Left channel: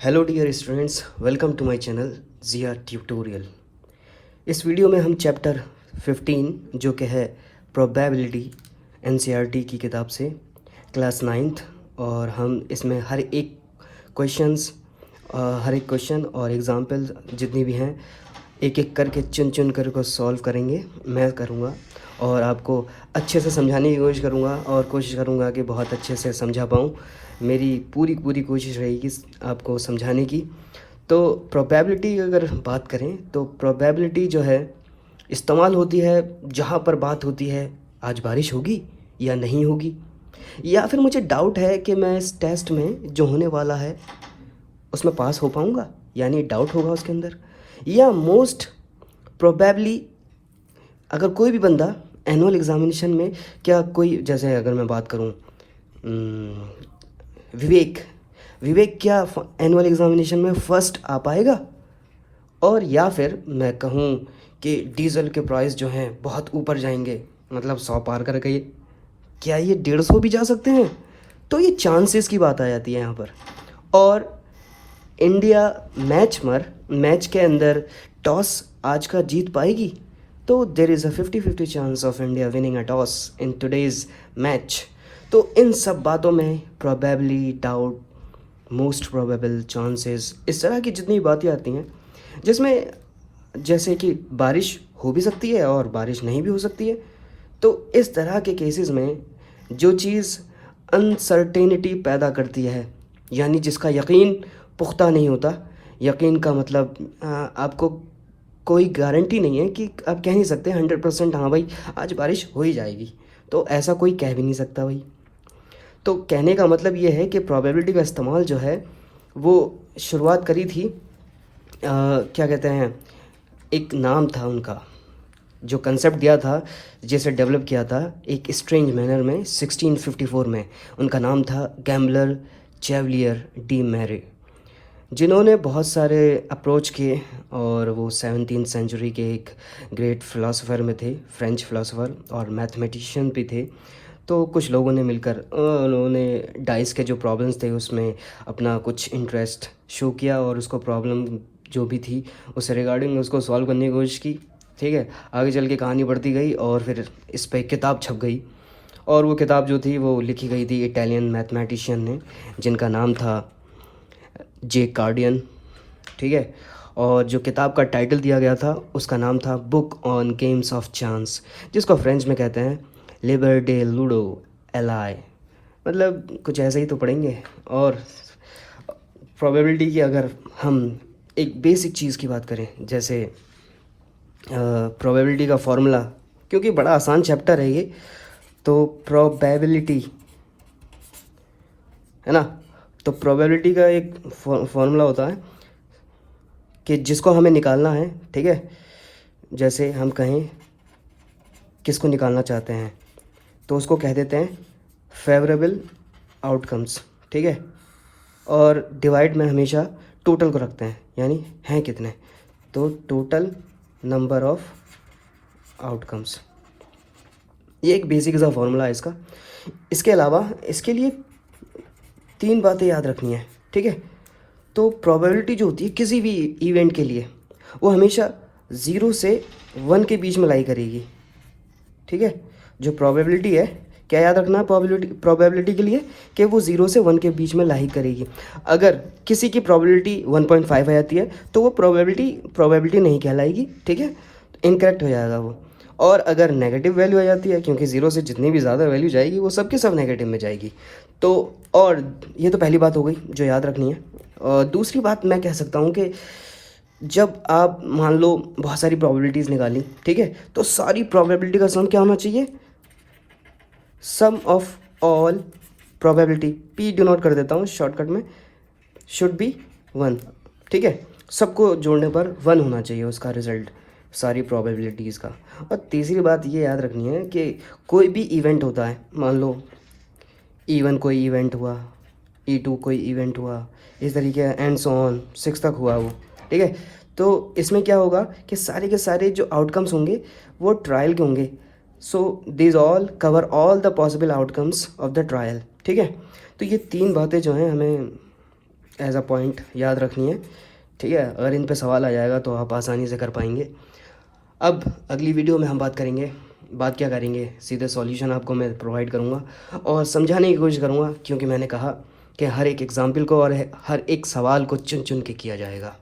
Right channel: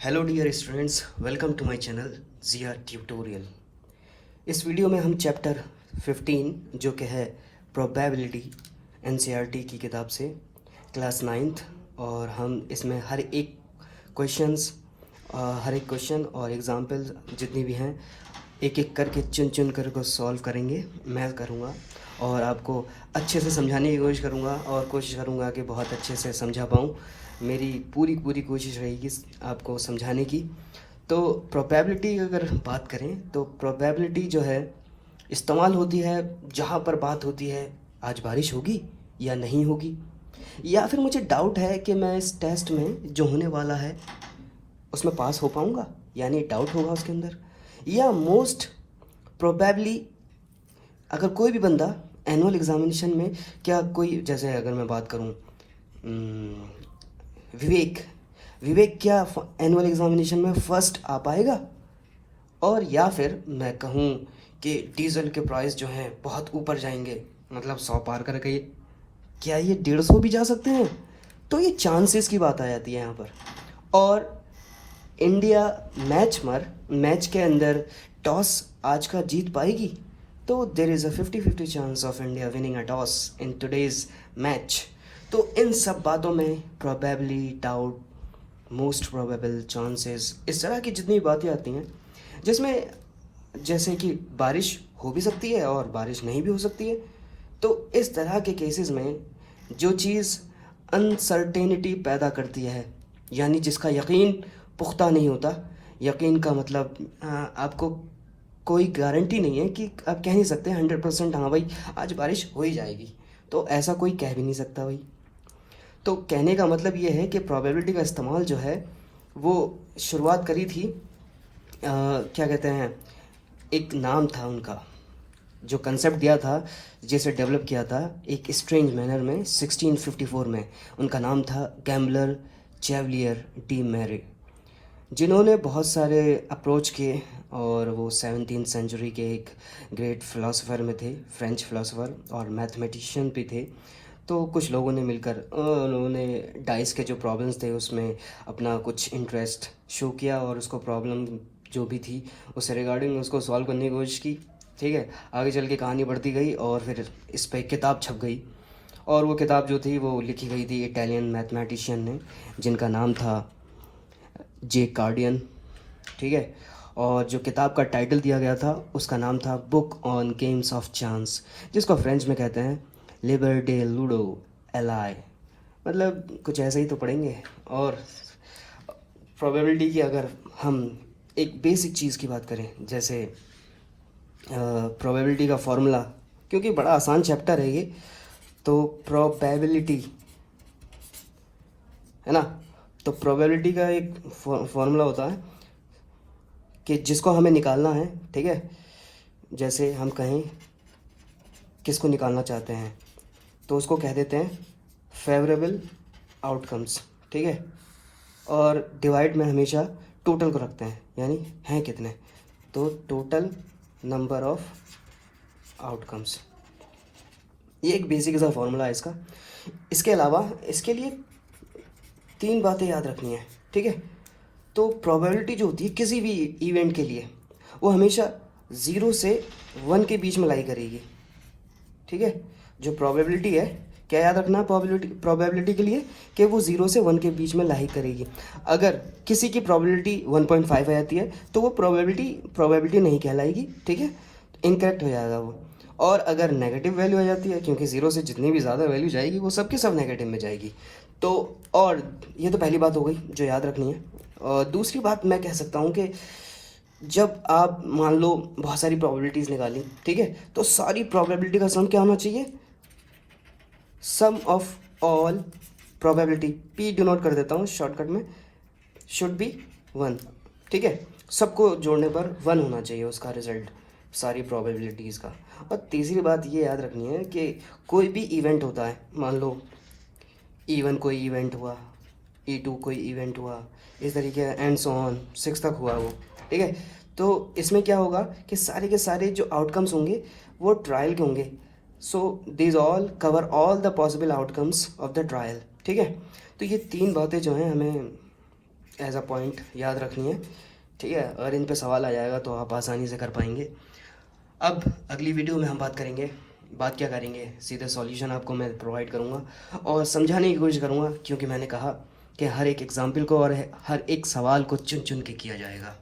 Hello dear students, welcome to my channel Zia tutorial. इस वीडियो में हम चैप्टर 15 जो कि है प्रोबेबिलिटी एनसीईआरटी की किताब से क्लास 9th, और हम इसमें हर एक क्वेश्चन और एग्जाम्पल जितनी भी हैं एक एक करके चुन कर को सॉल्व करेंगे। मैं करूँगा और आपको अच्छे से समझाने की कोशिश करूँगा और कोशिश करूँगा कि बहुत अच्छे से समझा पाऊँ। मेरी पूरी कोशिश रहेगी आपको समझाने की। तो प्रोबेबिलिटी की अगर बात करें तो प्रोबेबिलिटी जो है इस्तेमाल होती है जहाँ पर बात होती है आज बारिश होगी या नहीं होगी, या फिर मुझे डाउट है कि मैं इस टेस्ट में जो होने वाला है उसमें पास हो पाऊँगा, यानी डाउट होगा उसके अंदर। या मोस्ट प्रोबेबली अगर कोई भी बंदा एनुअल एग्जामिनेशन में, क्या कोई, जैसे अगर मैं बात करूँ विवेक क्या एनुअल एग्जामिनेशन में फर्स्ट आ पाएगा, और या फिर मैं कहूँ कि डीजल के प्राइस जो हैं बहुत ऊपर जाएंगे, मतलब 100 पार कर गए, क्या ये 150 भी जा सकते हैं। तो ये चांसेस की बात आ जाती है यहाँ पर। और इंडिया मैच के अंदर टॉस आज का जीत पाएगी, तो there is a 50-50 chance of India winning a toss in today's match. तो इन सब बातों में probably, doubt, most probable, chances, इस तरह की जितनी बातें आती हैं जिसमें जैसे कि बारिश हो भी सकती है और बारिश नहीं भी हो सकती है। तो इस तरह के केसेस में जो चीज़ अनसर्टेनिटी पैदा करती है, यानी जिसका यकीन पुख्ता नहीं होता, यकीन का मतलब आपको कोई गारंटी नहीं है कि आप कह नहीं सकते 100% हाँ भाई आज बारिश हो ही जाएगी, तो ऐसा कोई कह भी नहीं सकता भाई। तो कहने का मतलब ये है कि प्रोबेबिलिटी का इस्तेमाल जो है वो शुरुआत करी थी, क्या कहते हैं, एक नाम था उनका जो कंसेप्ट दिया था, जिसे डेवलप किया था एक स्ट्रेंज मैनर में 1654 में। उनका नाम था गैम्बलर चेवलियर डी मैरे, जिन्होंने बहुत सारे अप्रोच किए, और वो 17th सेंचुरी के एक ग्रेट फिलोसोफर में थे, फ्रेंच फिलोसोफर और मैथमेटिशियन भी थे। तो कुछ लोगों ने मिलकर उन्होंने डाइस के जो प्रॉब्लम्स थे उसमें अपना कुछ इंटरेस्ट शो किया, और उसको प्रॉब्लम जो भी थी उससे रिगार्डिंग उसको सॉल्व करने की कोशिश की। ठीक है, आगे चल के कहानी बढ़ती गई और फिर इस पर किताब छप गई, और वो किताब जो थी वो लिखी गई थी इटालियन मैथमेटिशियन ने, जिनका नाम था जे कार्डियन। ठीक है, और जो किताब का टाइटल दिया गया था उसका नाम था book on games of chance, जिसको फ्रेंच में कहते हैं लिबर डे लूडो एलाई, मतलब कुछ ऐसे ही तो पढ़ेंगे। और प्रोबेबिलिटी की अगर हम एक बेसिक चीज़ की बात करें, जैसे प्रोबेबिलिटी का फॉर्मूला, क्योंकि बड़ा आसान चैप्टर है ये, तो प्रोबेबिलिटी है ना, तो प्रोबेबिलिटी का एक फॉर्मूला होता है कि जिसको हमें निकालना है। ठीक है, जैसे हम कहें किसको निकालना चाहते हैं तो उसको कह देते हैं फेवरेबल आउटकम्स। ठीक है, और डिवाइड में हमेशा टोटल को रखते हैं, यानी हैं कितने, तो टोटल नंबर ऑफ आउटकम्स। ये एक बेसिक सा फॉर्मूला है इसका। इसके अलावा इसके लिए 3 बातें याद रखनी है। ठीक है, तो प्रोबेबिलिटी जो होती है किसी भी इवेंट के लिए वो हमेशा 0 से 1 के बीच में लाई करेगी। ठीक है, जो प्रोबेबिलिटी है, क्या याद रखना है प्रोबेबिलिटी के लिए, कि वो 0 से 1 के बीच में लाई करेगी। अगर किसी की प्रोबेबिलिटी 1.5 आ जाती है तो वो प्रोबेबिलिटी नहीं कहलाएगी। ठीक है, इनकरेक्ट हो जाएगा वो। और अगर नेगेटिव वैल्यू आ जाती है, क्योंकि 0 से जितनी भी ज़्यादा वैल्यू जाएगी वो सबके सब नेगेटिव में जाएगी। तो और ये तो पहली बात हो गई जो याद रखनी है। और दूसरी बात मैं कह सकता हूँ कि जब आप मान लो बहुत सारी प्रोबेबिलिटीज़ निकाली, ठीक है, तो सारी प्रोबेबिलिटी का सम क्या होना चाहिए, sum of all probability, P denote कर देता हूँ शॉर्टकट में, शुड बी 1। ठीक है, सबको जोड़ने पर 1 होना चाहिए उसका रिजल्ट, सारी प्रोबेबिलिटीज़ का। और तीसरी बात ये याद रखनी है कि कोई भी इवेंट होता है, मान लो E1 कोई इवेंट हुआ, E2 कोई इवेंट हुआ, इस तरीके एंड सो ऑन 6 तक हुआ वो। ठीक है, तो इसमें क्या होगा कि सारे के सारे जो आउटकम्स होंगे वो ट्रायल के होंगे। So this all cover all the possible outcomes of the trial. ठीक है, तो ये 3 बातें जो हैं हमें एज अ पॉइंट याद रखनी है, ठीक है। अगर इन पे सवाल आ जाएगा तो आप आसानी से कर पाएंगे। अब अगली वीडियो में हम बात क्या करेंगे, सीधे सॉल्यूशन आपको मैं प्रोवाइड करूँगा और समझाने की कोशिश करूँगा, क्योंकि मैंने कहा कि हर एक एग्जाम्पल को और हर एक सवाल को चुन चुन के किया जाएगा।